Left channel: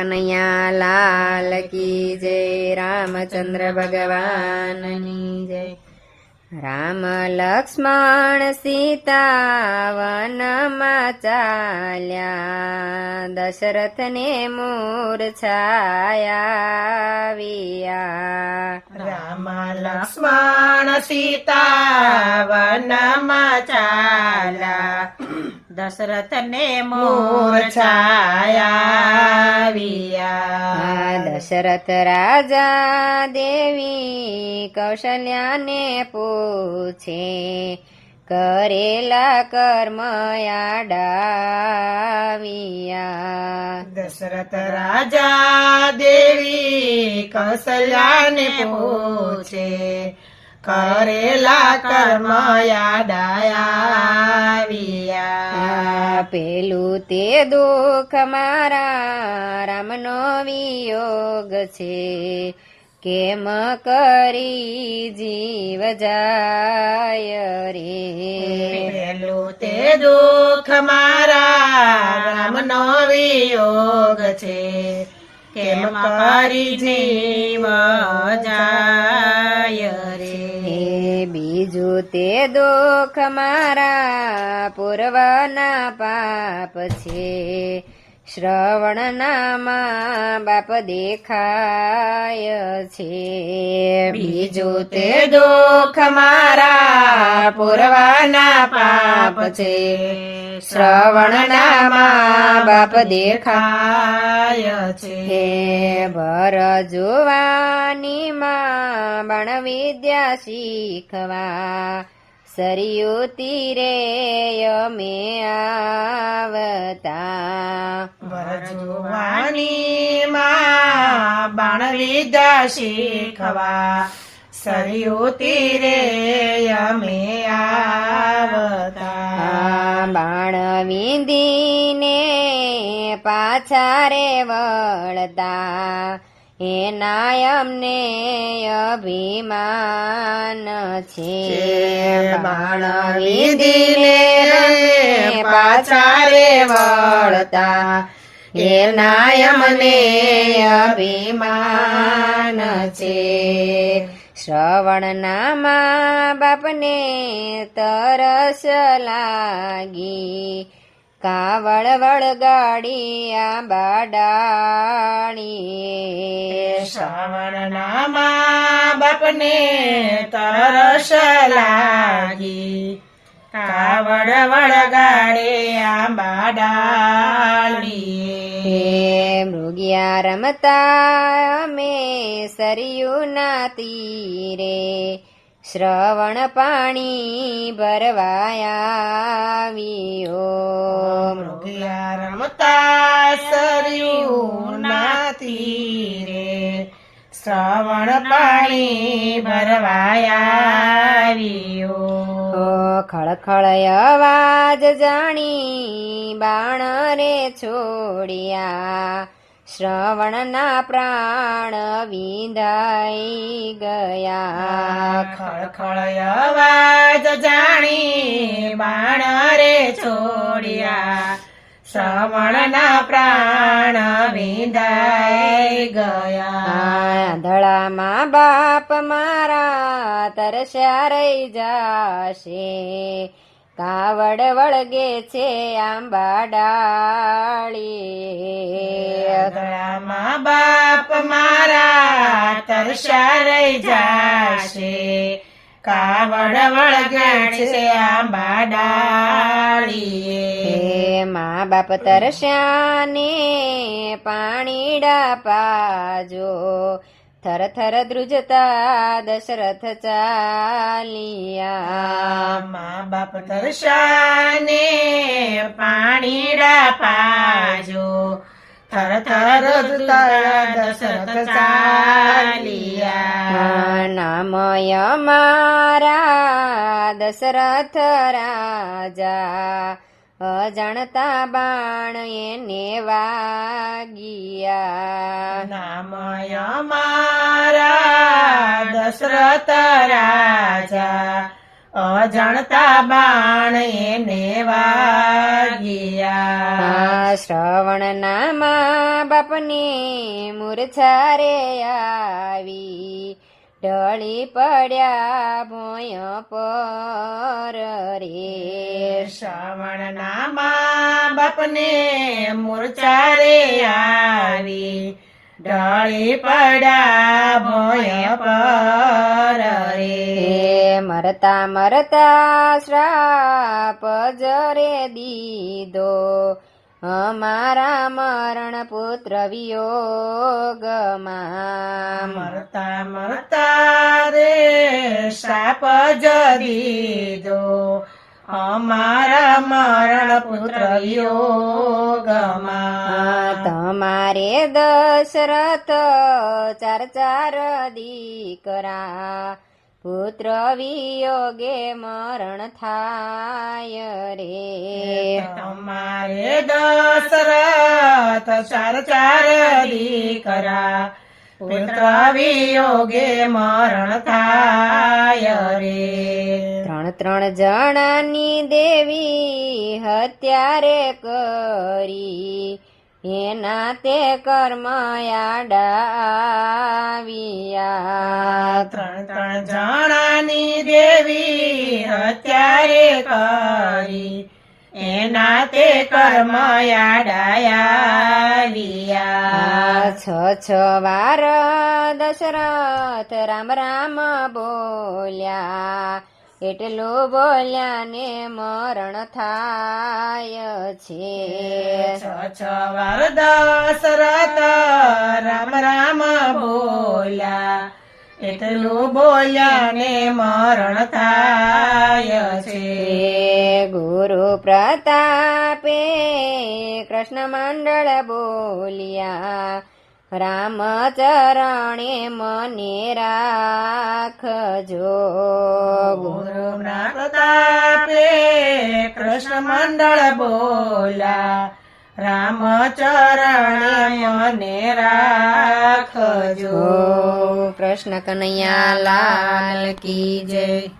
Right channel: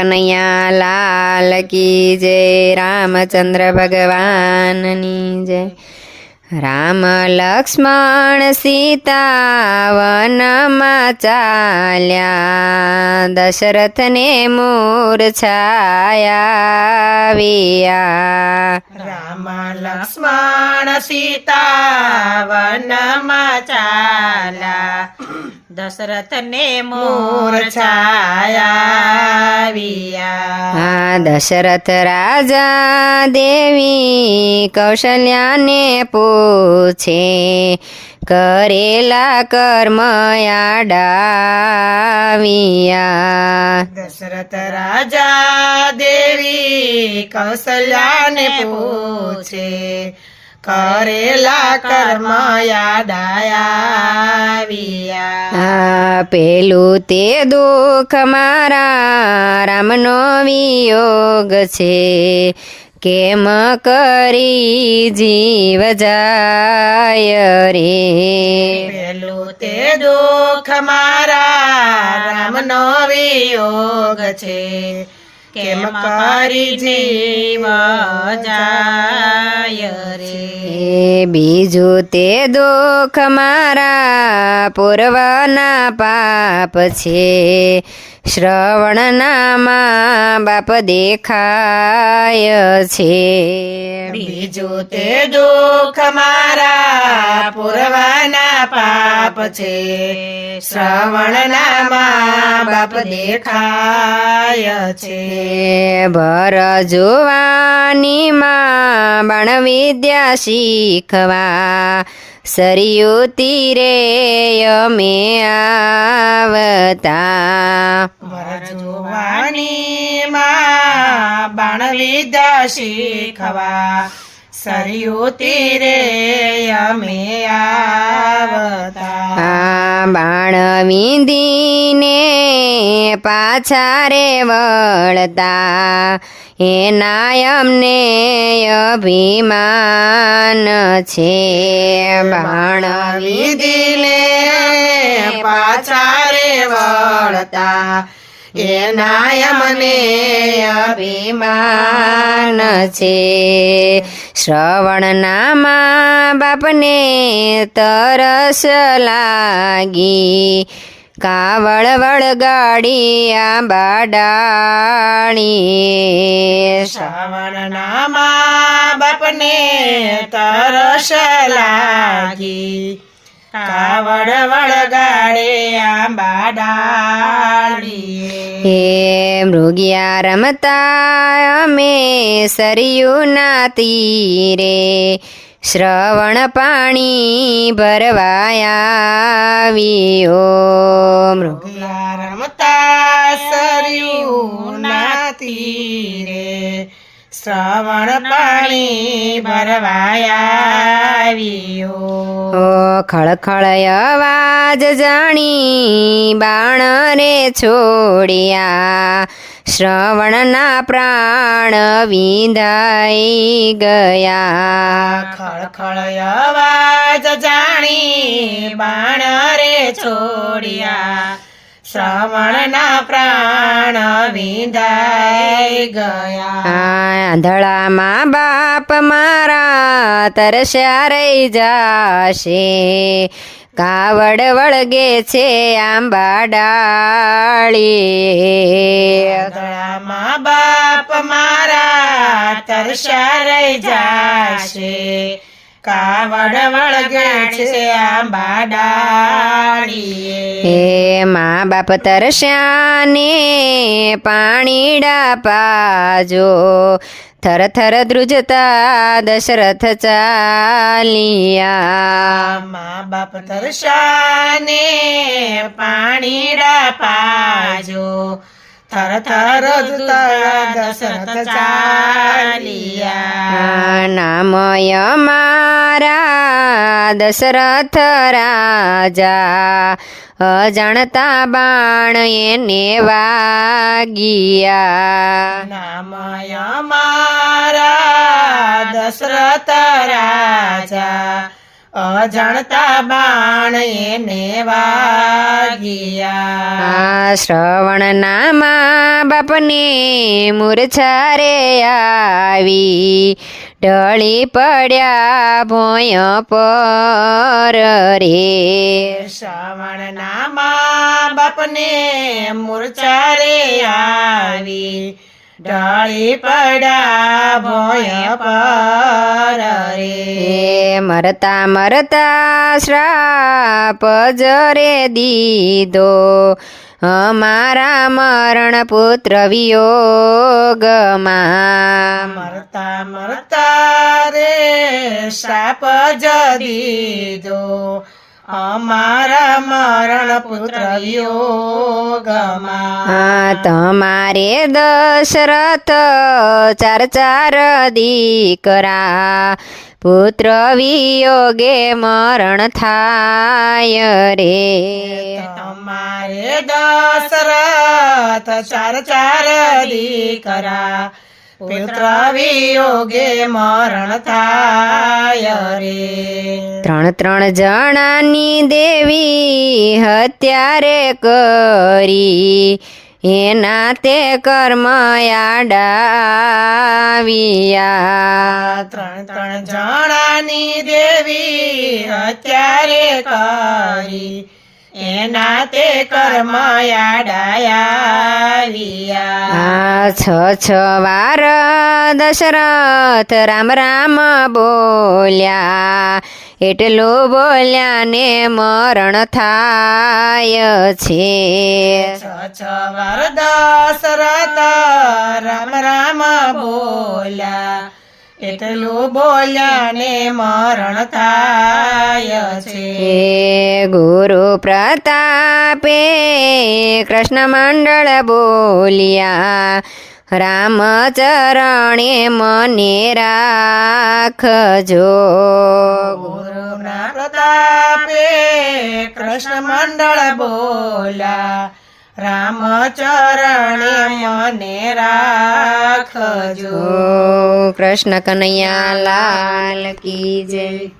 કનૈયા લાલ કી જય રામચંદ્ર ભગવાનની જય રામ લક્ષ્મણ સીતા વનમાં ચાલ્યા દશરથને મૂર્છાયા રામ લક્ષ્મણ સીતા વનમાં ચાલા દશરથને મૂર્છાયા આ દશરથ રાજા દેવી કૌશલ્યાને પૂછે કરેલા કર્મ ડાવિયા દશરથ રાજા દેવી કૌશલ્યાને પૂછે કરેલા કર્મ યાદાયા પેલું તે દુઃખ મારા રામનો વિયોગ છે. કેમ કરી જીવ જાય રે? પેલું તે દુઃખ મારા રામનો વિયોગ છે. કેમ કરી જીવ જાય બીજું તે દુઃખ મારા પૂર્વના પાપ છે. શ્રવણના મા બાપ દેખાય છે. બીજો તે દુઃખ મારા પુરવાના પાપ છે. શ્રવણના મા બાપ દેખાય છે. ભર જોવાની માં બાણ વિદ્યા શીખવા. સરયુ તીરે અમે આવતા માં બાણ લીધા શીખવા સરયુ તીરે અમે આવતા બાણ વિંદીને પાછા રે વળતા. એના અમને અભિમાન છે. બાણ દિલે પાછા રે વળતા. એના અમને અભિમાન છે. શ્રવણના મા બાપને તરસ લાગી. કાવળ વળગાડી બાડાણી શ્રવણના મા બાપને તરસ લાગી. કાવડ વળગાડે આંબા ડાળીએ હે મૃગિયા રમતા અમે સરયુના તીરે શ્રવણ પાણી ભરવાયા મૃગ ગયા રમતા સરયું ના તીરે શ્રવણ પાણી ભરવાયા આવ્યો ઓ ખળખળ અવાજ જાણી બાણ રે છોડ્યા. શ્રવણના પ્રાણ વિંધાઈ ગયા. ખળખળ અવાજ જાણી બાણ રે છોડ્યા. શ્રવણના પ્રાણ વિંધાઈ ગયા. આંધળામાં બાપ મારા તરસ્યા રહી જાશે. કાવડ વળગે છે આંબા ડાળી મા બાપ મારા તરસા રહી જાશે. કાવડ વળગે છે આંબા ડાળી હે મા બાપ તરસ્યાને પાણીડા પાજો થર થર ધ્રુજતા દશરથ ચાલિયા. મા બાપ તરસાને પાણીડા પાજો. થર થર દશરથ ચાલિયા. નામય મારા દશરથ રાજા. અજાણતા બાણ એને વાગિયા. નામય મારા દશરથ રાજા અજાણતા બાણ એને વાગ્યા. શ્રવણ નામા બાપને મૂર્છા રે આવી. ઢળી પડ્યા ભોય પર રે. શ્રવણ નામા બાપને મૂર્છા રે આવી. ઢળી પડા ભોય પર રે. મરતા મરતા શ્રાપ જરે દીધો. અમારા મરણ પુત્ર વિયોગમાં મરતા મરતા રે શાપ જ દીધો. અમારા મરણ પુત્ર યોગમાં તમારે દશરથ ચાર ચાર દીકરા. પુત્ર વિયોગે મરણ થાય રે. તમારે દશરથ ચાર ચાર દીકરા. પુત્ર વિયોગે મરણ થાય રે. ત્રણ ત્રણ જણાની દેવી હત્યારે કરી. એના તે કર્મ આડાવ્યા ત્રણ ત્રણ જણાની દેવી અત્યારે કરી. એના તે કર્મ યાડાયા છ છ વાર દશરથ રામ રામ બોલ્યા. એટલું બોલ્યા ને મરણ થાય છે. છ રાતા રામ રામ બોલ્યા. એટલું બોલ્યા ને મરણ થાય છે. ગુરુ પ્રતાપે કૃષ્ણ મંડળ બોલ્યા રામચરણે મને રાખજો. ગુરુના પ્રતાપે કૃષ્ણ મંડળ બોલા રામ ચરણ મને રાખજો. કૃષ્ણ કનૈયા લાલ કી જય.